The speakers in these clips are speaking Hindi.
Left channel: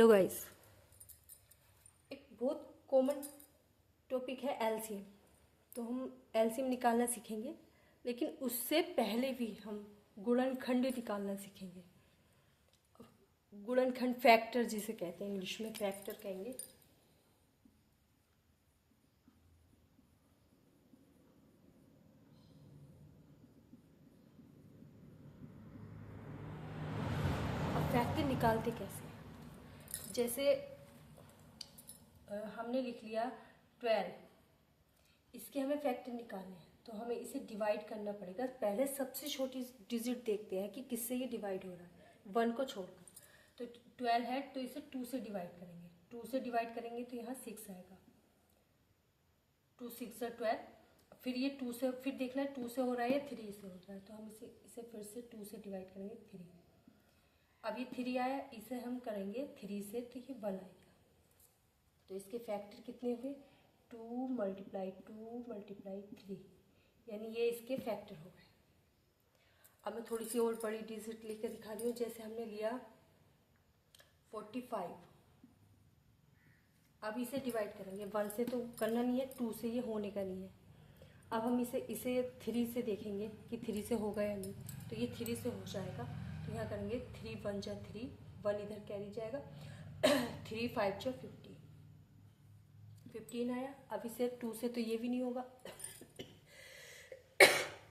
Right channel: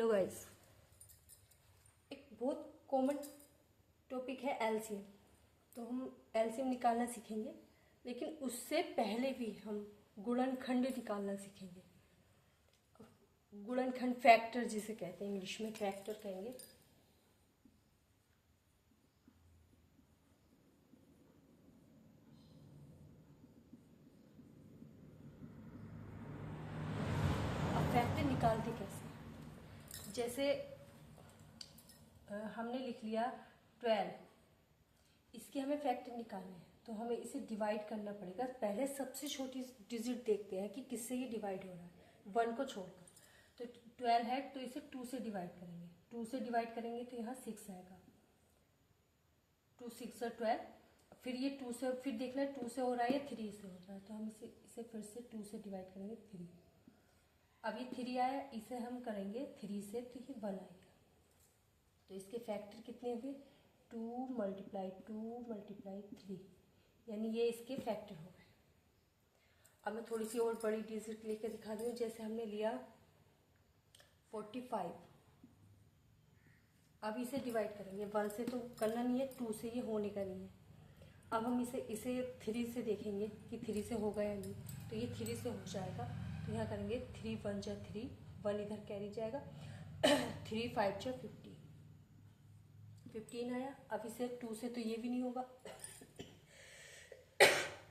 हेलो गाइस, एक बहुत कॉमन टॉपिक है एलसीएम। तो हम एलसीएम निकालना सीखेंगे, लेकिन उससे पहले भी हम गुणनखंड निकालना सीखेंगे। गुणनखंड फैक्टर जिसे कहते हैं, इंग्लिश में फैक्टर कहेंगे। और फैक्टर निकालते कैसे? जैसे हमने लिख लिया 12, इसके हमें फैक्टर निकालने हैं, तो हमें इसे डिवाइड करना पड़ेगा। पहले सबसे छोटी डिजिट देखते हैं कि किससे ये डिवाइड हो रहा है, 1 को छोड़कर। तो 12 है, तो इसे 2 से डिवाइड करेंगे। 2 से डिवाइड करेंगे तो यहाँ 6 आएगा। 2 6 12। फिर ये 2 से, फिर देखना है 2 से हो रहा है या 3 से हो रहा है, तो हम इसे फिर से 2 से डिवाइड करेंगे, 3। अब ये 3 आया, इसे हम करेंगे 3 से, तो ये 1 आएगा। तो इसके फैक्टर कितने हुए? 2 × 3, यानी ये इसके फैक्टर हो गए। अब मैं थोड़ी सी और बड़ी डिजिट लेकर दिखा रही हूँ। जैसे हमने लिया 45, अब इसे डिवाइड करेंगे। 1 से तो करना नहीं है, 2 से ये होने का नहीं है। अब हम इसे 3 से देखेंगे कि 3 से होगा या नहीं, तो ये 3 से हो जाएगा। तो यहाँ करेंगे 3 1 जा 3, 1 इधर कैरी जाएगा। 3 5 जा 15 आया। अब इसे 2 से तो ये भी नहीं होगा,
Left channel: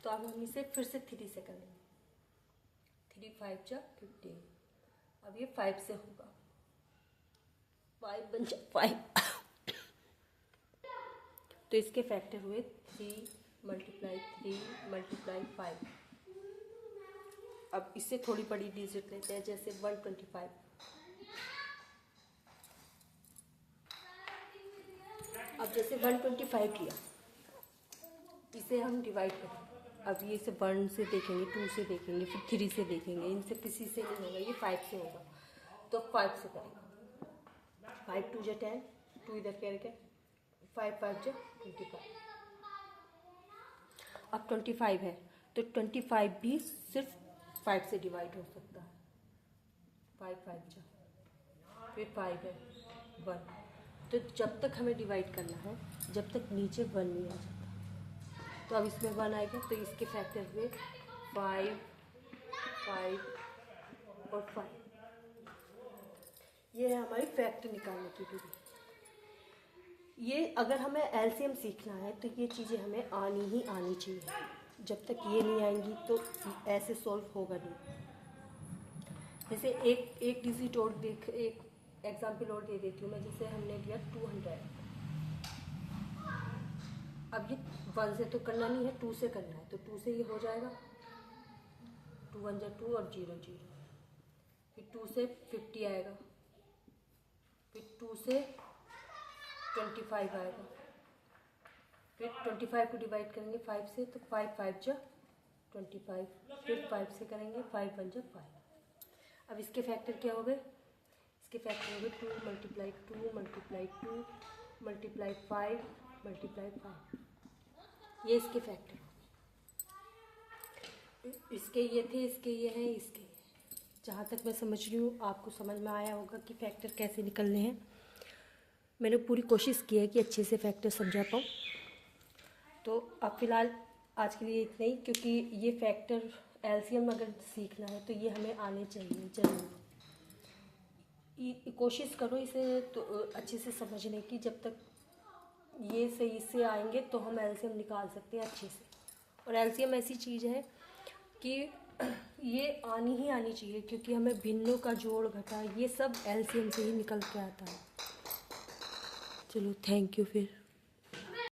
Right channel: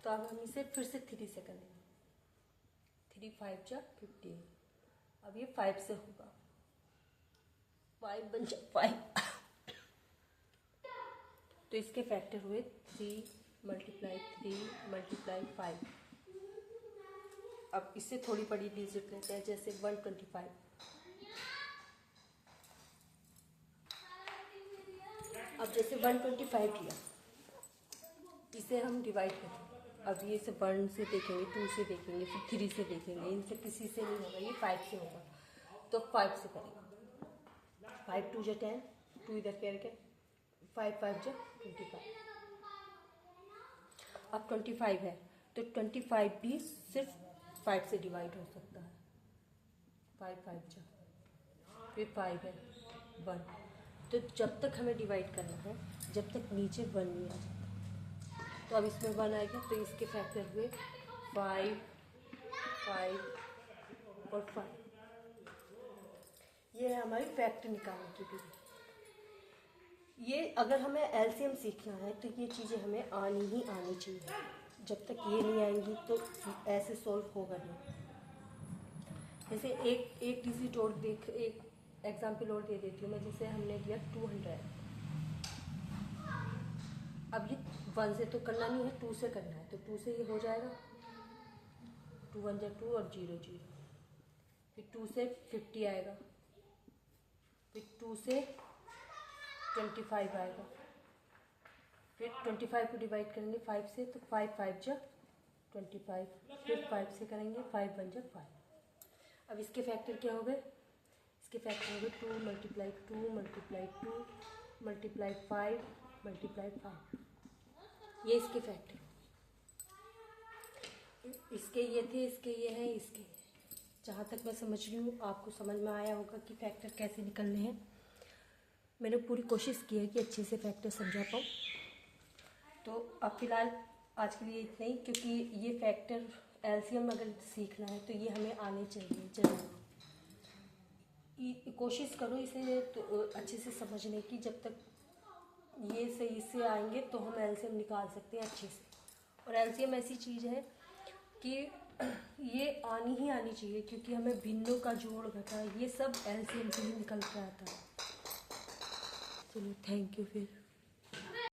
तो अब हम इसे फिर से 3 से करेंगे। 3 5 जा 15, अब ये 5 से होगा। 5 1 जा 5, तो इसके फैक्टर हुए 3 × 3 × 5। अब इससे थोड़ी बड़ी डिजिट लेते हैं, जैसे 125। अब जैसे 125 लिया, इसे हम डिवाइड करें। अब ये इसे 1 से देखेंगे, 2 से देखेंगे, फिर 3 से देखेंगे। इनसे किसी से नहीं होगा, ये 5 से होगा, तो 5 से करेंगे। 5 2 जा 10, 2 इधर करके 5 5 जा 25। अब 25 है, तो 25 भी सिर्फ 5 से डिवाइड हो सकता है। 5 5 जा, फिर 5 है 1। तो जब तक हमें डिवाइड करना है, जब तक नीचे 1 नहीं आ जाता। तो अब इसमें 1 आएगा, तो इसके फैक्टर हुए 5 5 और 5। ये है हमारी फैक्टर निकालने की विधि। ये अगर हमें एलसीएम सीखना है, तो ये चीज़ें हमें आनी ही आनी चाहिए। जब तक ये नहीं आएंगी तो ऐसे सॉल्व होगा नहीं। जैसे एक डिजिट और एक एग्जाम्पल और दे देती हूँ मैं। जैसे हमने लिया 200, अब ये 1 से तो करना नहीं है, 2 से करना है, तो 2 से ये हो जाएगा। 2 1 जा 2 और 0 0। फिर 2 से 50 आएगा, फिर 2 से 25 आएगा। फिर 25 को डिवाइड करेंगे 5 से, तो 5 5 जा 25। फिर 5 से करेंगे, 5 1 जा 5। अब इसके फैक्टर क्या हो गए? इसके फैक्टर हो गए 2 × 2 × 2 × 5 × 5। ये इसके फैक्टर। इसके ये थे, इसके ये हैं, इसके ये। जहाँ तक मैं समझ रही हूँ, आपको समझ में आया होगा कि फैक्टर कैसे निकलने हैं। मैंने पूरी कोशिश की है कि अच्छे से फैक्टर समझा पाऊँ। तो अब फिलहाल आज के लिए इतना ही, क्योंकि ये फैक्टर एलसीएम अगर सीखना है तो ये हमें आने चाहिए जरूर। कोशिश करो इसे तो अच्छे से समझने की। जब तक ये सही से आएंगे तो हम एलसीएम निकाल सकते हैं अच्छे से। और एलसीएम ऐसी चीज़ है कि ये आनी ही आनी चाहिए, क्योंकि हमें भिन्नों का जोड़ घटा ये सब एलसीएम से ही निकल के आता है। चलो, थैंक यू फिर।